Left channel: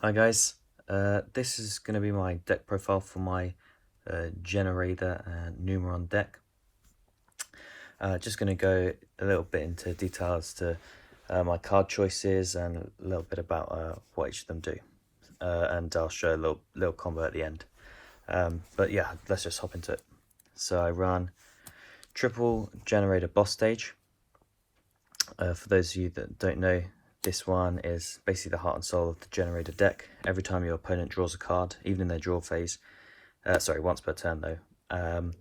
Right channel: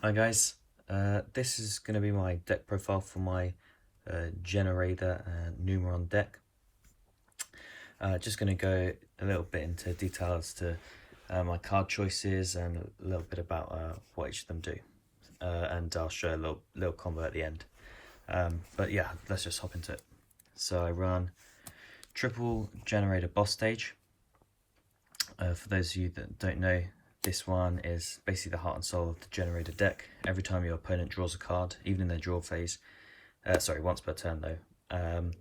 Hi guys, this is going to be my deck profile for my Generaider Numeron deck. Just going to go a little bit into details to my card choices and a little bit about what each of them do. And I'll show a little combo at the end. But yeah, let's just hop into it. So I run triple Generator boss stage. For those of you that don't know, this one is basically the heart and soul of the Generator deck. Every time your opponent draws a card, even in their draw phase, once per turn though,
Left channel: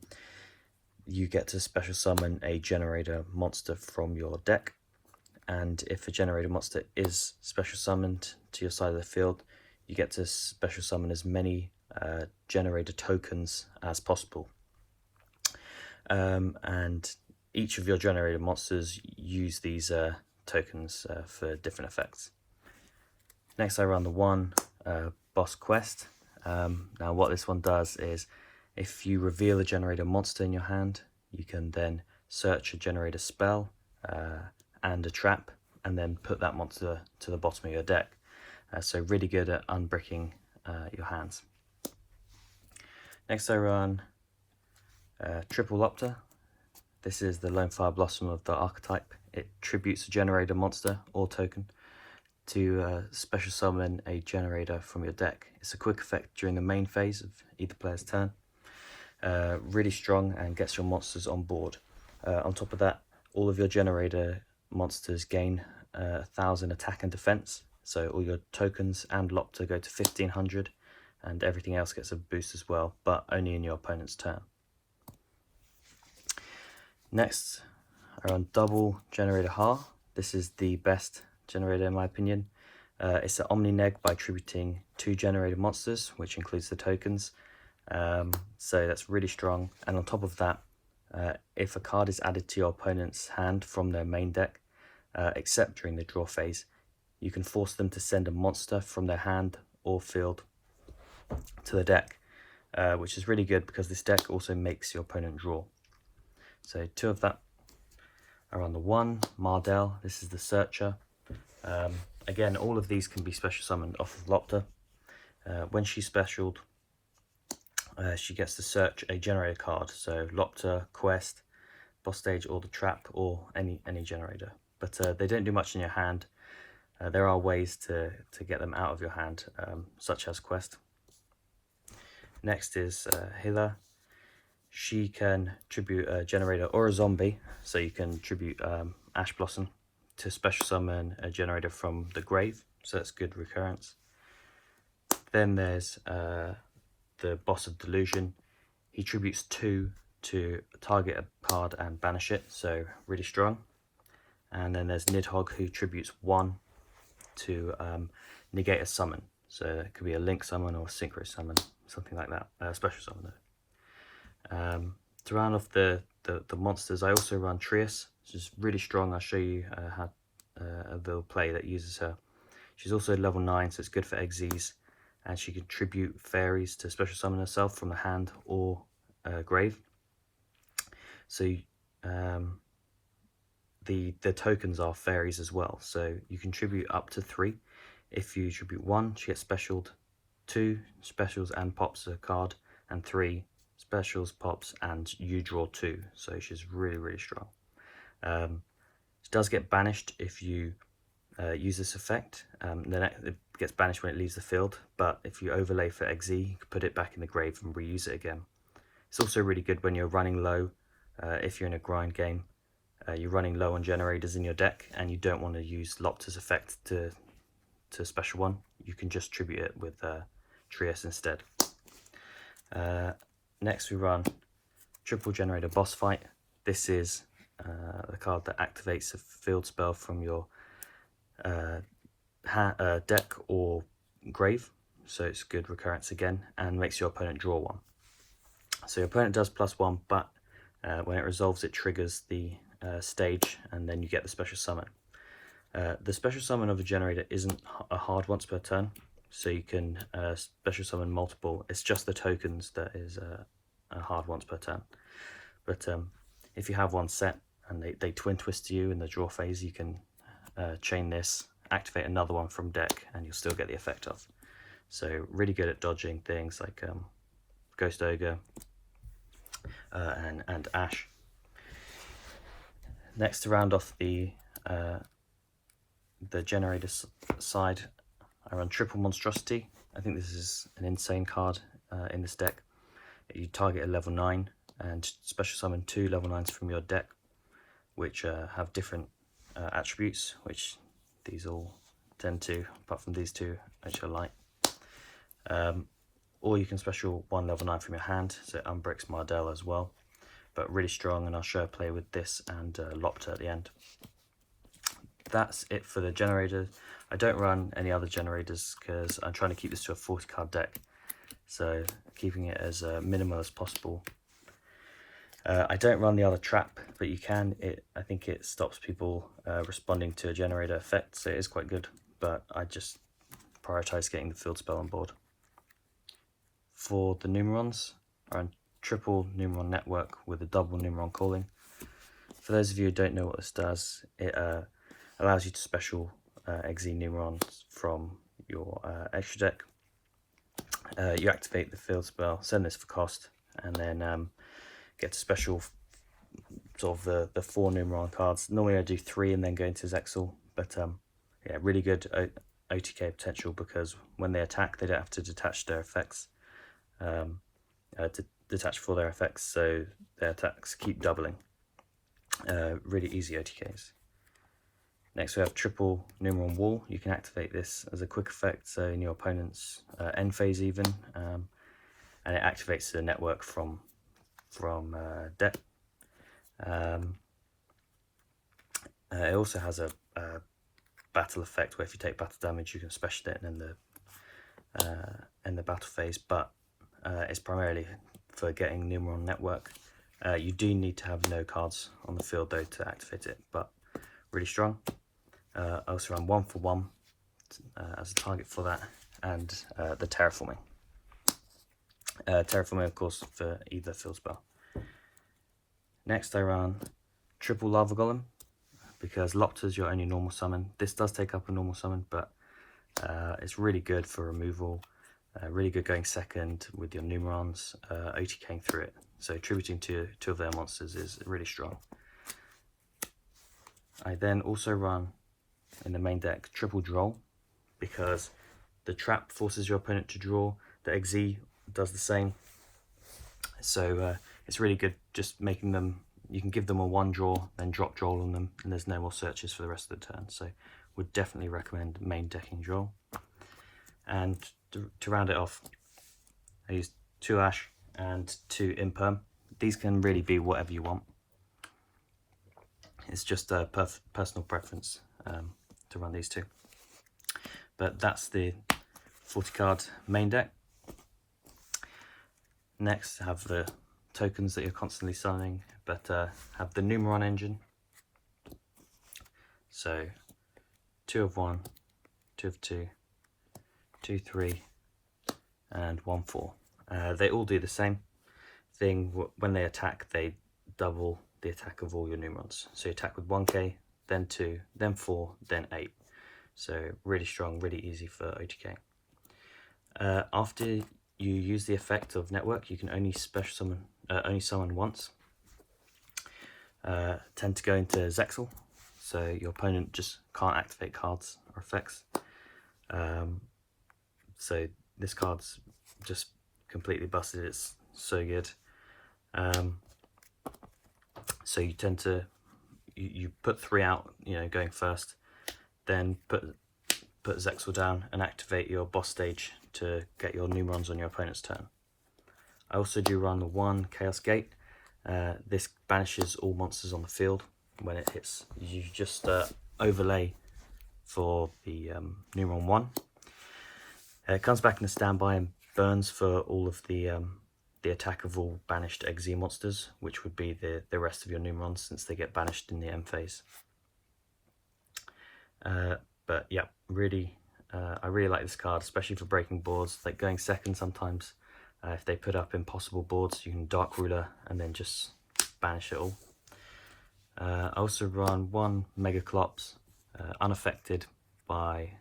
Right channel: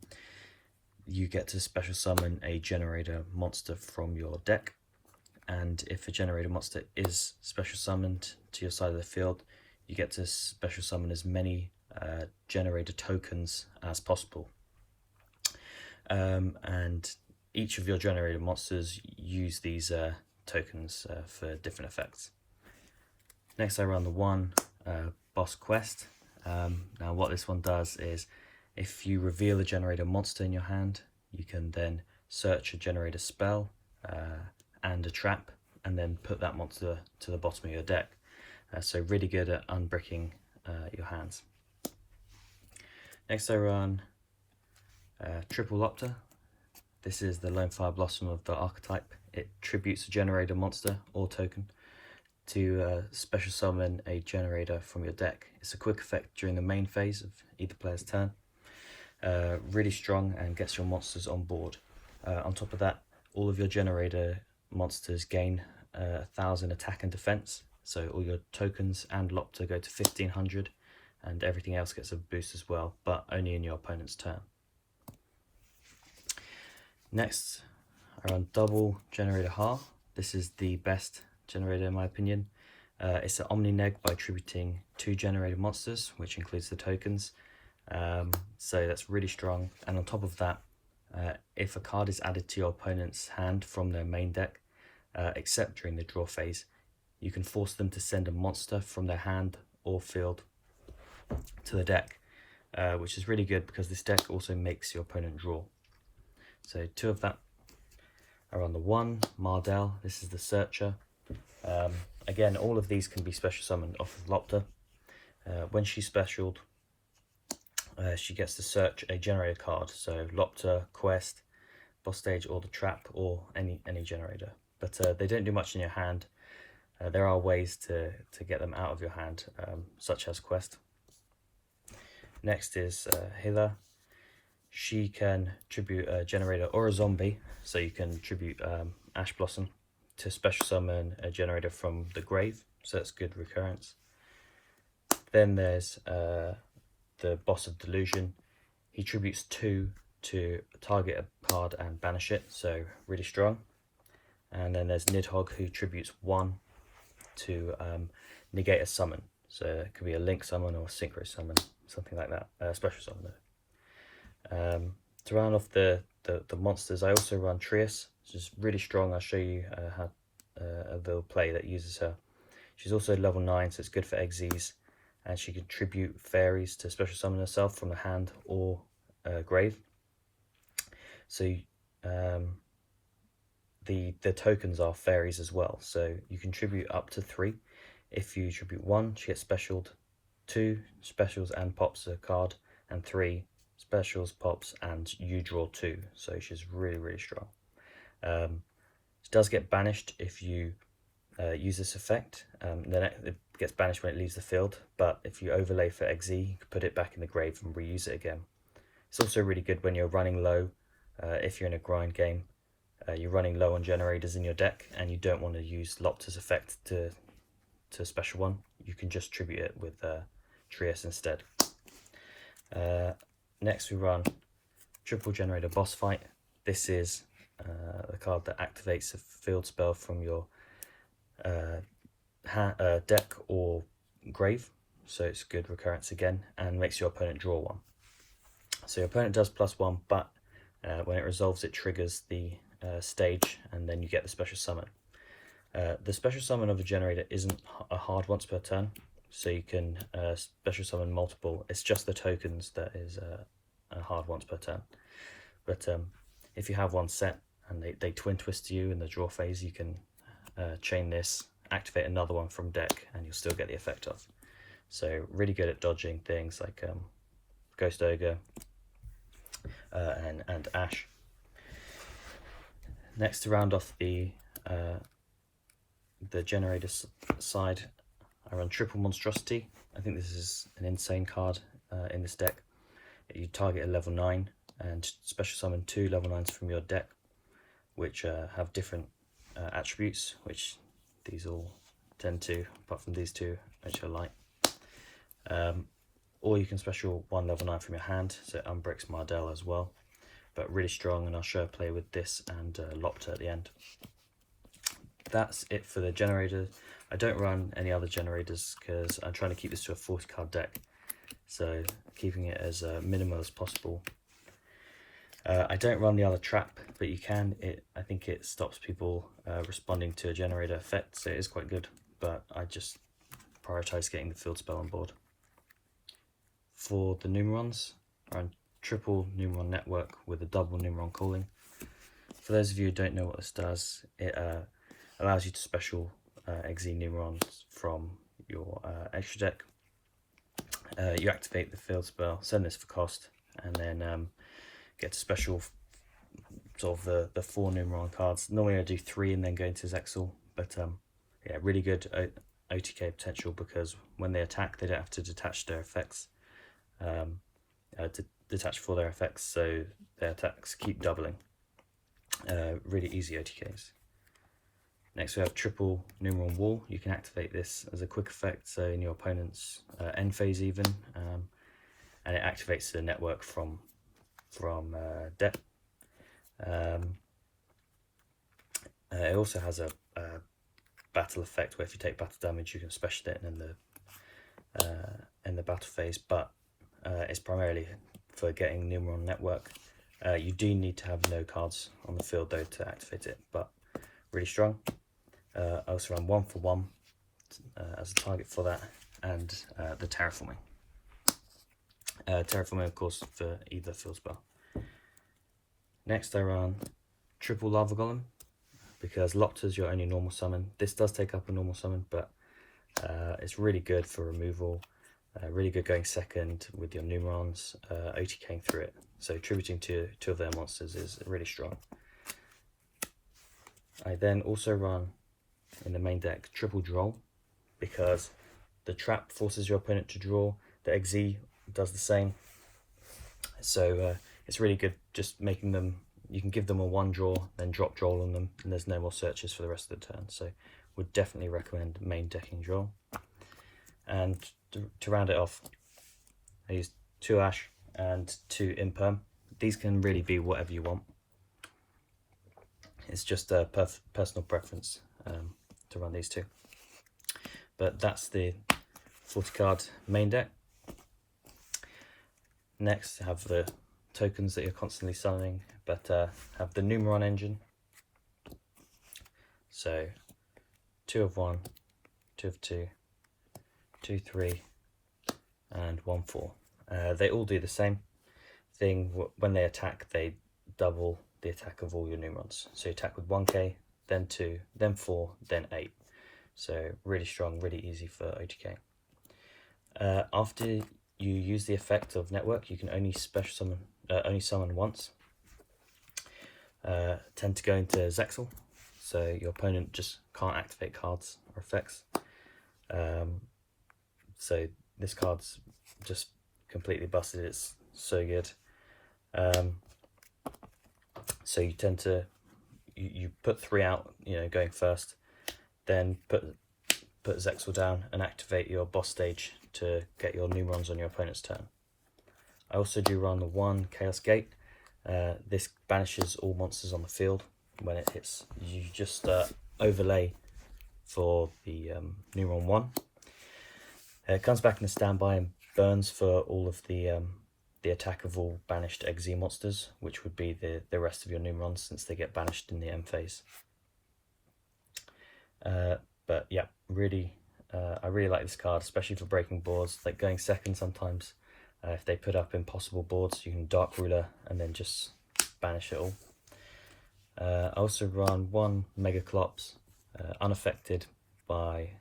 you get to special summon a Generator monster from your deck. And if a Generator monster is special summoned to your side of the field, you get to special summon as many Generator tokens as possible. And each of your Generator monsters use these tokens for different effects. Next I run the one boss quest. Now what this one does is, if you reveal a Generator monster in your hand, you can then search a Generator spell and a trap, and then put that monster to the bottom of your deck. So really good at unbricking your hands. Next I run triple Lopter. This is the Lone Fire Blossom of the archetype. It tributes a Generator monster or token to special summon a Generator from your deck. It's a quick effect during the main phase of either player's turn. Really strong and gets your monsters on board. On top of that, all of your Generator monsters gain 1000 attack and defense. So all your tokens and Lopter go to 1500, and everything else gets a boost as well, but only in your opponent's turn. Next, I run double Generator Ha. This is the best Generator in my opinion. It's an Omni-Neg by attributing 2 Generator monsters, which includes the tokens. So that's really strong. And on top of that, if a card is added to your opponent's hand from their main deck, except during the draw phase, you can force them to send a monster from their hand or field to the deck, which is really good because this deck also makes your opponent draw. So 2 of that are on the one, Mardell. This is the Searcher. Again, all of these can be special summoned off of Lopter. When she's specialed, she gets to search a Generator card. So Lopter, Quest, boss stage, or the trap, or any Generator. But they don't do much in your hand. There are ways to get them out of your hand, such as Quest. Next is Hila. She can tribute a Generator or a zombie, so you can tribute Ash Blossom to special summon a Generator from the grave, so that's good recurrence. Then there's the Boss of Delusion. He tributes 2 to target a card and banish it, so really strong. And then there's Nidhogg, who tributes 1 to negate a summon, so it could be a link summon or a synchro summon, something like that, special summon. To round off the monsters, I also run Trias, which is really strong. I'll show you how a little play that uses her. She's also level 9, so it's good for Xyz, and she can tribute fairies to special summon herself from the hand or grave. So the tokens are fairies as well, so you can tribute up to 3. If you tribute 1, she gets specialed, 2 specials and pops a card, and 3 specials, pops, and you draw 2, so she's really strong. She does get banished if you use this effect, then it gets banished when it leaves the field, but if you overlay for XZ, you can put it back in the grave and reuse it again. It's also really good when you're running low, if you're in a grind game, you're running low on Generators in your deck and you don't want to use Lopter's effect to special one, you can just tribute it with Trias instead. Next we run triple Generator boss fight. This is a card that activates a field spell from your deck or grave, so it's good recurrence again, and makes your opponent draw 1. So your opponent does +1, but when it resolves it triggers the stage, and then you get the special summon. The special summon of a Generator isn't a hard once per turn, so you can special summon multiple. It's just the tokens that is a hard once per turn. But if you have one set and they twin twist you in the draw phase, you can chain this, activate another one from deck, and you'll still get the effect off. So really good at dodging things like Ghost Ogre and Ash. Next, to round off the generator side, I run Triple Monstrosity. I think this is an insane card in this deck. You target a level 9 and special summon 2 level 9s from your deck, which have different attributes, which these all tend to, apart from these two, which I like. Or you can special 1 level 9 from your hand, so Umbrix Mardell as well, but really strong, and I'll show a play with this and Lopter at the end. That's it for the generator. I don't run any other generators because I'm trying to keep this to a 40 card deck, so keeping it as minimal as possible. I don't run the other trap, but you can. I think it stops people responding to a generator effect, so it is quite good, but I just prioritize getting the field spell on board. For the Numerons, I run triple Numeron network with a double Numeron calling. For those of you who don't know what this does, it allows you to special Exi Numerons from your extra deck. You activate the field spell, send this for cost, and then get to special sort of the 4 Numeron cards. Normally I do 3 and then go into Zexal, but yeah, really good OTK potential, because when they attack they don't have to detach their effects, to detach for their effects, so their attacks keep doubling. Really easy OTKs. Next we have triple Numeron Wall. You can activate this as a quick effect, so in your opponent's end phase even, and it activates the network from deck. It also has a battle effect where if you take battle damage you can special it in the battle phase, but it's primarily for getting Numeron network. You do need to have no cards on the field though to activate it, but really strong. I also run 1 for 1 as a target for that, and the terraforming. Terraforming of course for either field spell. Next I run triple Lava Golem, because Lopter's your only normal summon. This does take up a normal summon, but it's really good for removal, really good going second with your Numerons, OTKing through it. So tributing to 2 of their monsters is really strong. I then also run in the main deck triple Droll, because the trap forces your opponent to draw, the Exi does the same, so it's really good just making them, you can give them a 1 draw, then drop Droll on them, and there's no more searches for the rest of the turn, so would definitely recommend main decking Droll. And to round it off, I use 2 Ash and 2 Imperm. These can really be whatever you want. It's just a personal preference to run these two. But that's the 40 card main deck. Next, have the tokens that you're constantly summoning, but have the Numeron engine. So 2 of 1, 2 of 2, 2, 3, and 1, 4. They all do the same thing. When they attack, they double the attack of all your Numerons. So you attack with 1k, then 2, then 4, then 8. So really strong, really easy for OTK. After you use the effect of network, you can only summon once. Tend to go into Zexal, so your opponent just can't activate cards or effects. So this card's just completely busted. It's so good. So you tend to you put 3 out, going first, then put Zexal down and activate your boss stage to get your Numerons on your opponent's turn. I also do run the 1 Chaos Gate. This banishes all monsters on the field when it hits. You just overlay for the Numeron 1. It comes back in the standby and burns for all of the attack of all banished Exi monsters, which would be the rest of your Numerons, since they get banished in the end phase. But yeah, really, I really like this card, especially for breaking boards, like going second sometimes. If they put up impossible boards, you can Dark Ruler and then just banish it all. I also run 1 Megaclops, unaffected by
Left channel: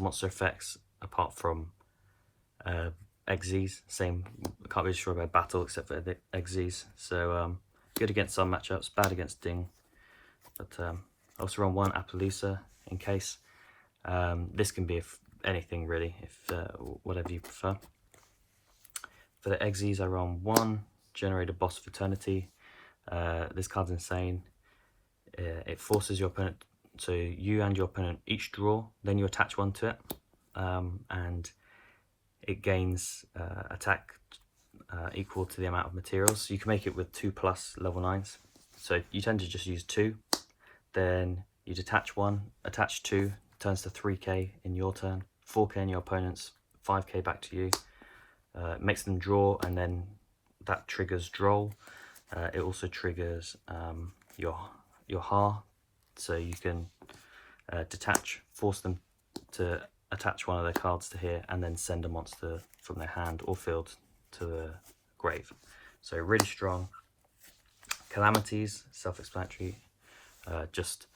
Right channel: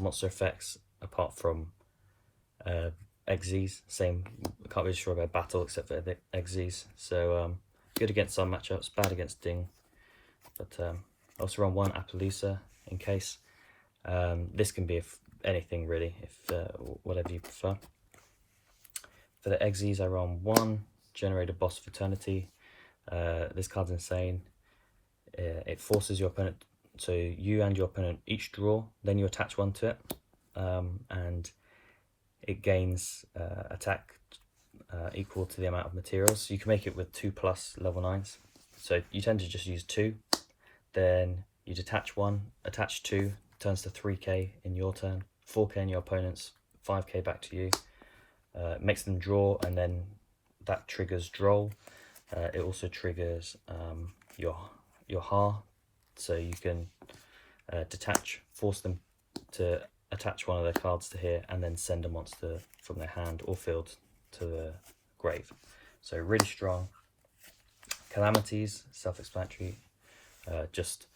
monster effects, apart from Xyz, same, I can't really sure about battle except for the Xyz. So good against some matchups, bad against Ding. But I also run one Appaloosa in case. This can be anything really, if whatever you prefer. For the Xyz, I run one Generator Boss of Eternity. This card's insane. It forces your opponent, so you and your opponent each draw, then you attach one to it, and it gains attack equal to the amount of materials. So you can make it with 2+ level 9s. So you tend to just use 2, then you'd attach 1, attach 2, turns to 3k in your turn, 4k in your opponent's, 5k back to you. Makes them draw, and then that triggers Droll. It also triggers your Ha, so you can detach, force them to attach one of their cards to here, and then send a monster from their hand or field to the grave. So really strong. Calamities, self-explanatory, just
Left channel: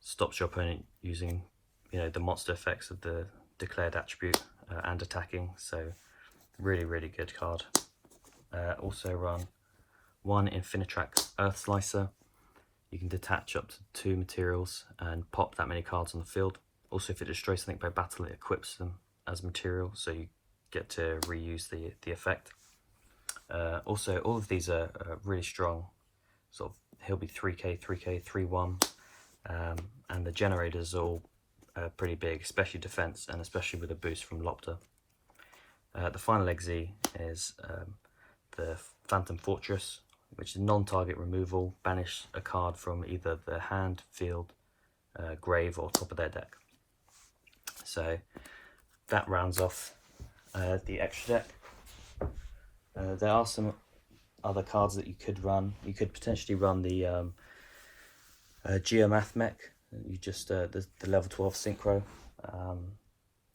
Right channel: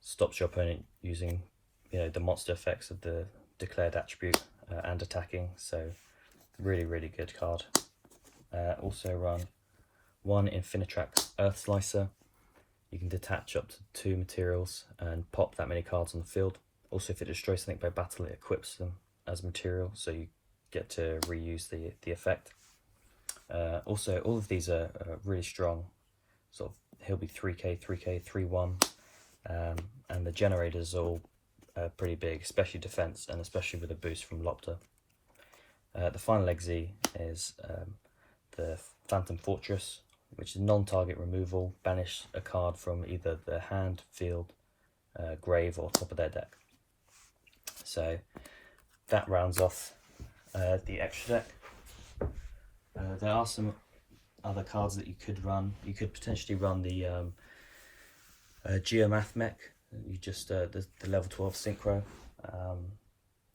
stops your opponent using, the monster effects of the declared attribute and attacking. So really good card. Also run one Infinitrack Earth Slicer. You can detach up to 2 materials and pop that many cards on the field. Also, if it destroys something by battle, it equips them as material, so you get to reuse the effect. Also, all of these are really strong. Sort of, he'll be 3k, 3k, 3-1, and the generators are all pretty big, especially defense, and especially with a boost from Lopter. The final Xyz is the Phantom Fortress, which is non-target removal. Banish a card from either the hand, field, grave, or top of their deck. So that rounds off the extra deck. There are some other cards that you could run. You could potentially run the Geomath mech. You just the level 12 synchro.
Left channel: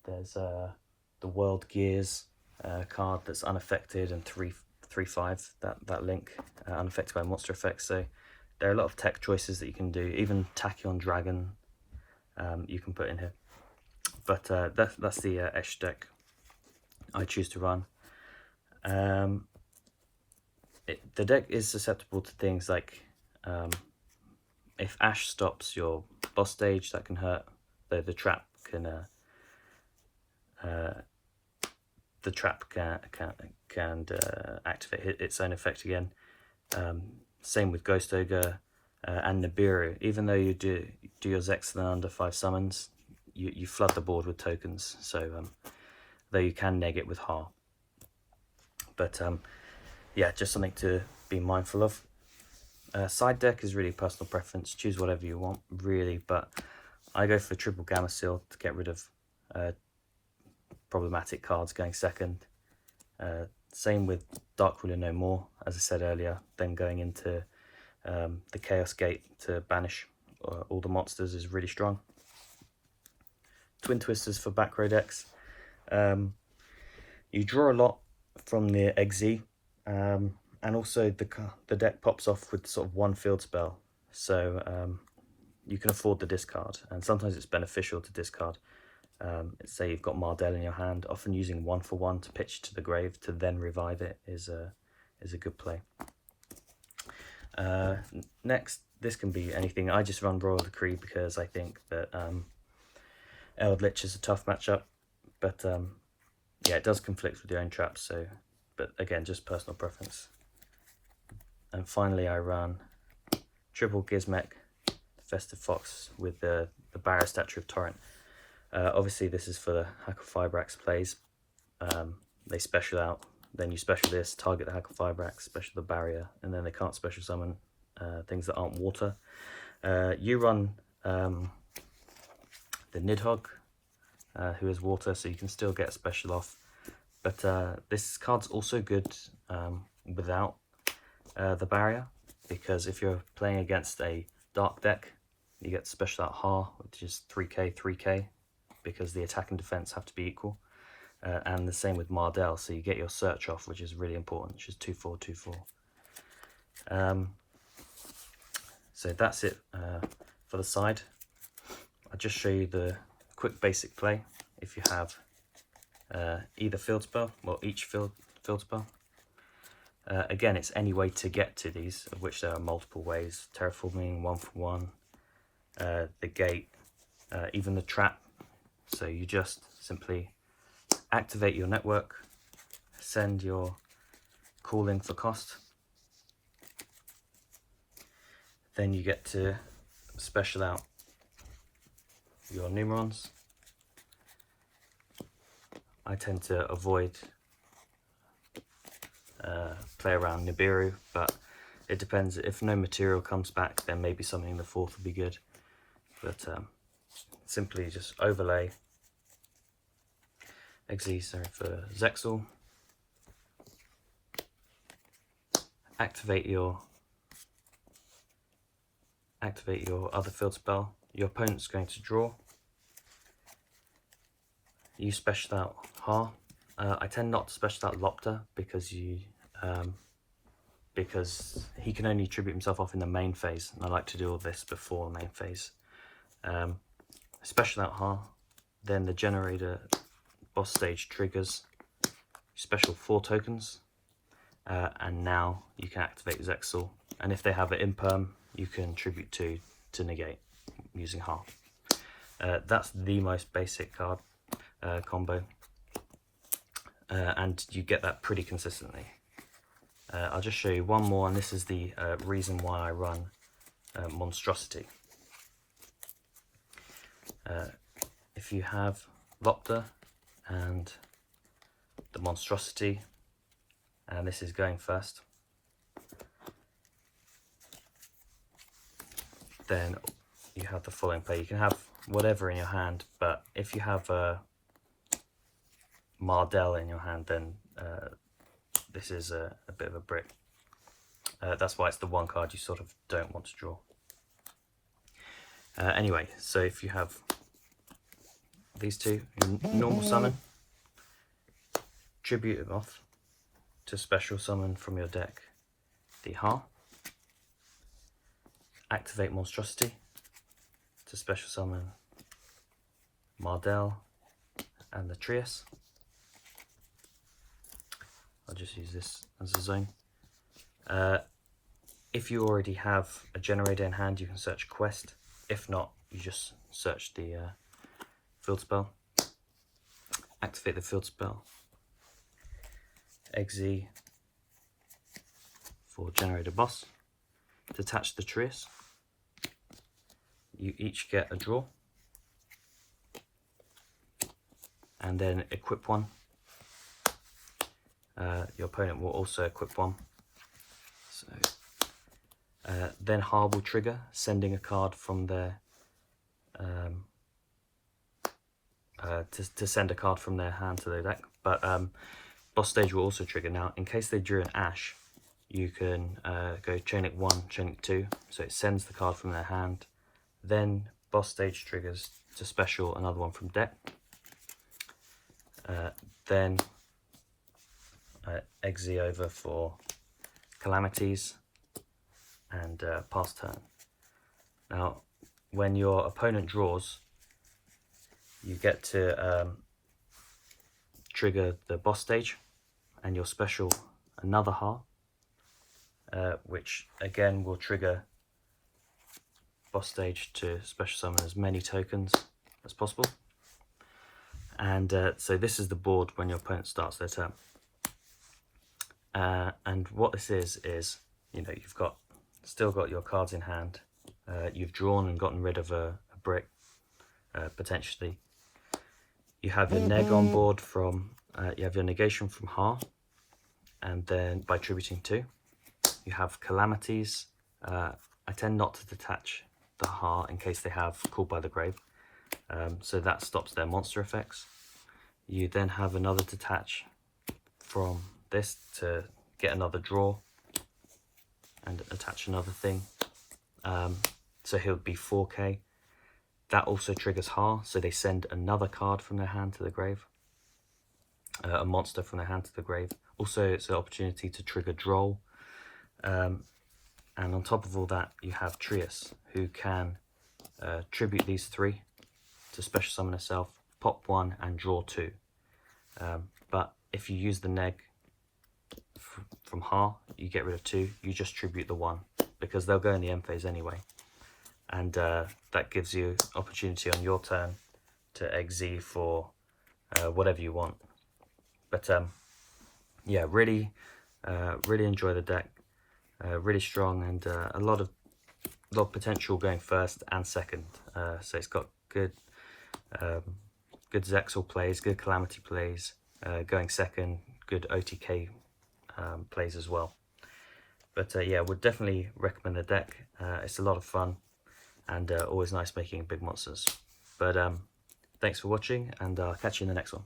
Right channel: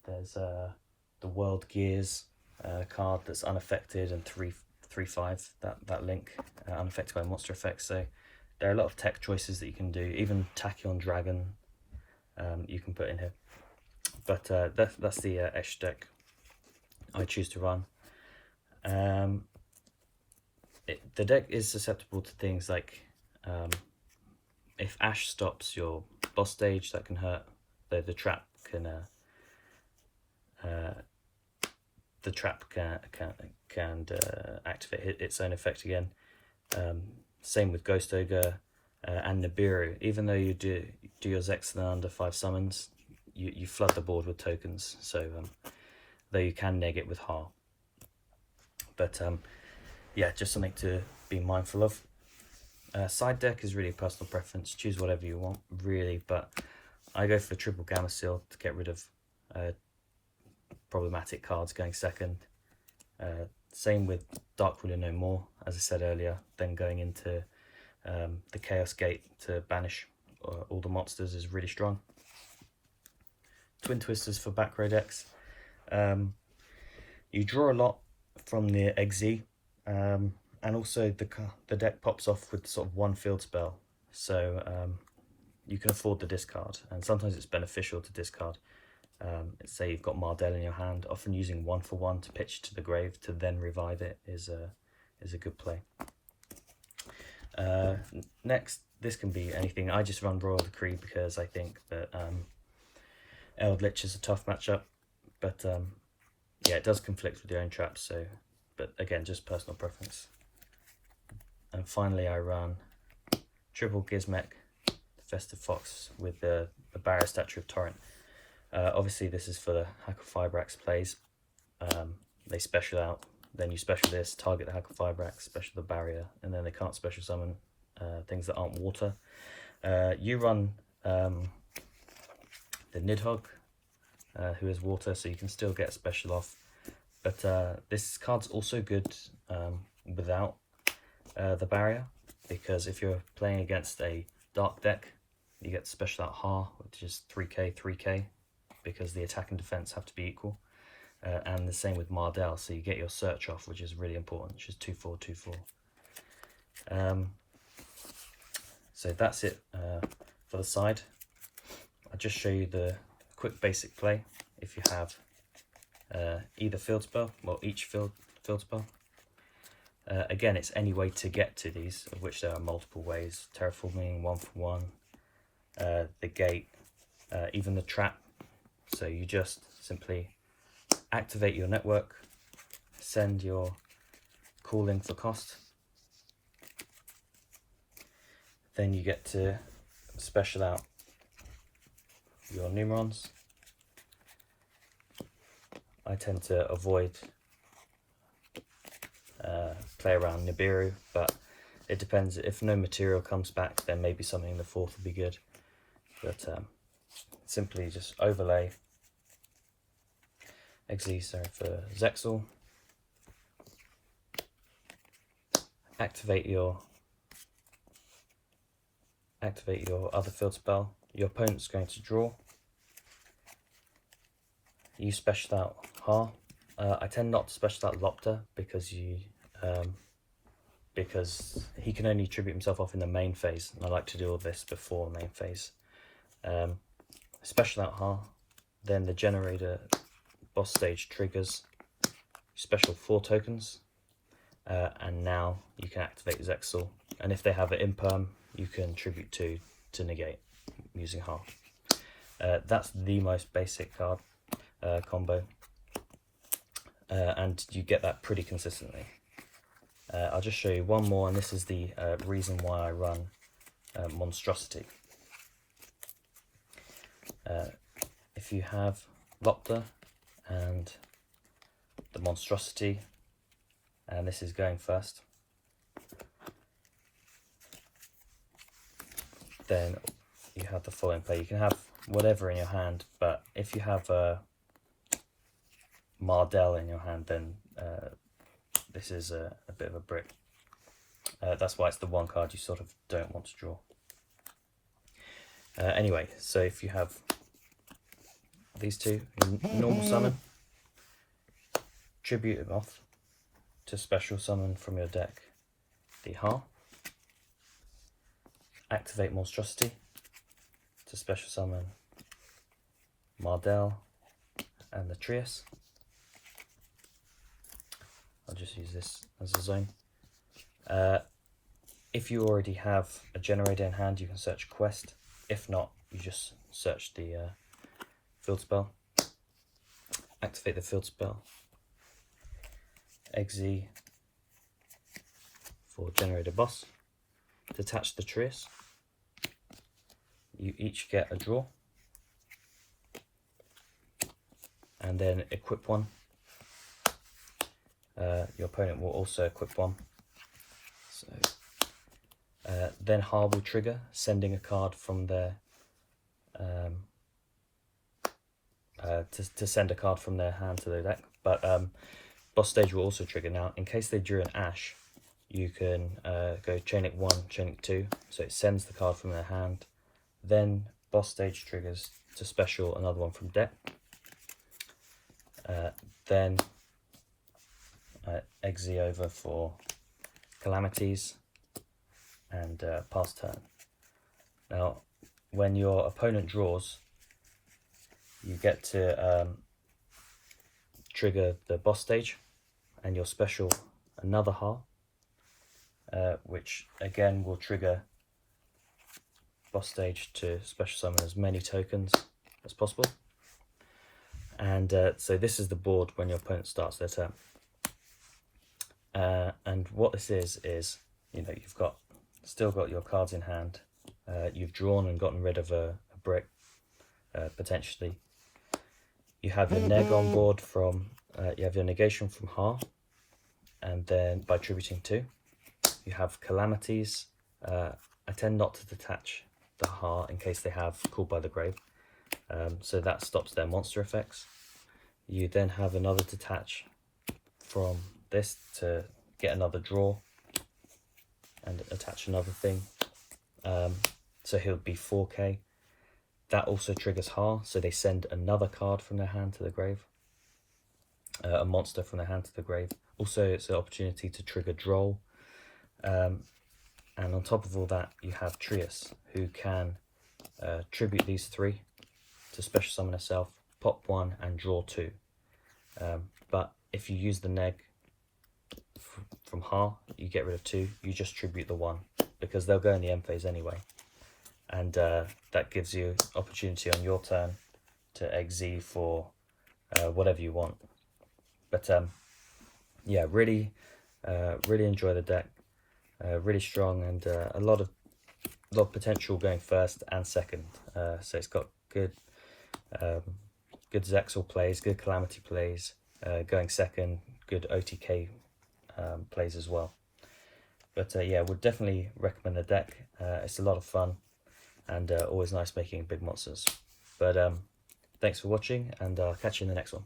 There's the World Gears card that's unaffected, and 3/5 that link, unaffected by monster effects. So there are a lot of tech choices that you can do. Even Tachyon Dragon you can put in here. But that's the extra deck I choose to run. The deck is susceptible to things like if Ash stops your boss stage, that can hurt. The trap can activate its own effect again. Same with Ghost Ogre and Nibiru. Even though you do your Zexalan under 5 summons, you flood the board with tokens. So though you can neg it with Ha. But yeah, just something to be mindful of. Side deck is really personal preference. Choose whatever you want, really. But I go for triple Gamma Seal to get rid of problematic cards going second. Same with Dark Ruler No More, as I said earlier. Then going into the Chaos Gate to banish all the monsters is really strong. Twin Twisters for back row decks. You draw a lot from the Xyz, and also the deck pops off with sort of 1 field spell, so you can afford the discard, and sometimes it's beneficial to discard. Say you've got Mardell in your hand, often using 1/1 to pitch to the grave to then revive it is a good play. Next, this can be anything. I just run Royal Decree because I think that Eldritch is a tough matchup, but yeah, it does conflict with your own traps. So, but again, just personal preference. And finally, I run triple Gizmek, Festive Fox with the Barrier Statue of Torrent. Obviously, this is for the Hackle-Fibrax plays. They special out, then you special this, target the Hackle-Fibrax, special the barrier, and then they can't special summon things that aren't water. You run the Nidhogg, who is water, so you can still get a special off. But this card's also good without the barrier, because if you're playing against a dark deck, you get special out Ha, which is 3k, 3k, because the attack and defense have to be equal. And the same with Mardell, so you get your search off, which is really important, which is 2/4, 2/4. So that's it for the side. I'll just show you the quick basic play. If you have either field spell, or each field spell. Again, it's any way to get to these, of which there are multiple ways. Terraforming, 1-for-1, the gate, even the trap. So you just simply activate your network, send your call in for cost. Then you get to special out your Numerons. I tend to avoid play around Nibiru, but it depends. If no material comes back, then maybe something in the 4th would be good. But simply just overlay XE for Zexal, activate your other field spell. Your opponent's going to draw. You special out Ha. I tend not to special out Lopter because he can only tribute himself off in the main phase, and I like to do all this before the main phase. Special out Ha, then the generator boss stage triggers, special 4 tokens, and now you can activate Zexal, and if they have an imperm, you can tribute 2 to negate using Ha. That's the most basic card combo, and you get that pretty consistently. I'll just show you one more, and this is the reason why I run Monstrosity. If you have Lopter and the Monstrosity, and this is going first, then you have the following play. You can have whatever in your hand, but if you have Mardell in your hand, then this is a bit of a brick. That's why it's the one card you sort of don't want to draw. Anyway, so if you have these two in normal summon, tribute them off to special summon from your deck the Ha, activate Monstrosity to special summon Mardell and the Trias. I'll just use this as a zone. If you already have a generator in hand, you can search quest. If not, you just search the field spell. Activate the field spell. XZ for generator boss. Detach the Trias. You each get a draw. And then equip one. Your opponent will also equip one. So then Ha will trigger, sending a card from their to send a card from their hand to their deck. But boss stage will also trigger. Now, in case they drew an Ash, you can go chain link 1, chain link 2. So it sends the card from their hand. Then boss stage triggers to special another one from deck. Then XZ over for calamities and pass turn. Now, when your opponent draws, you get to trigger the boss stage and your special another Ha, which again will trigger boss stage to special summon as many tokens as possible. And so this is the board when your opponent starts their turn. And what this is, you know, you've still got your cards in hand. You've drawn and gotten rid of a brick, potentially. You have your neg on board from, you have your negation from Ha, and then by tributing 2. You have calamities. I tend not to detach the Ha in case they have Called by the Grave, so that stops their monster effects. You then have another detach from this to get another draw and attach another thing. So he'll be 4k. That also triggers Ha, so they send another card from their hand to the grave, a monster from their hand to the grave. Also, it's an opportunity to trigger Droll. And on top of all that, you have Trias, who can tribute these 3 to special summon herself, pop 1 and draw 2. But if you use the neg from Ha, you get rid of 2, you just tribute the 1, because they'll go in the end phase anyway. And that gives you opportunity on your turn to XZ for whatever you want. But yeah, really enjoy the deck. Really strong, and a lot of potential going first and second. So it's got good Zexal plays, good Calamity plays, going second, good OTK plays as well. But yeah, would definitely recommend the deck. It's a lot of fun, and always nice making big monsters. But thanks for watching, and I'll catch you in the next one.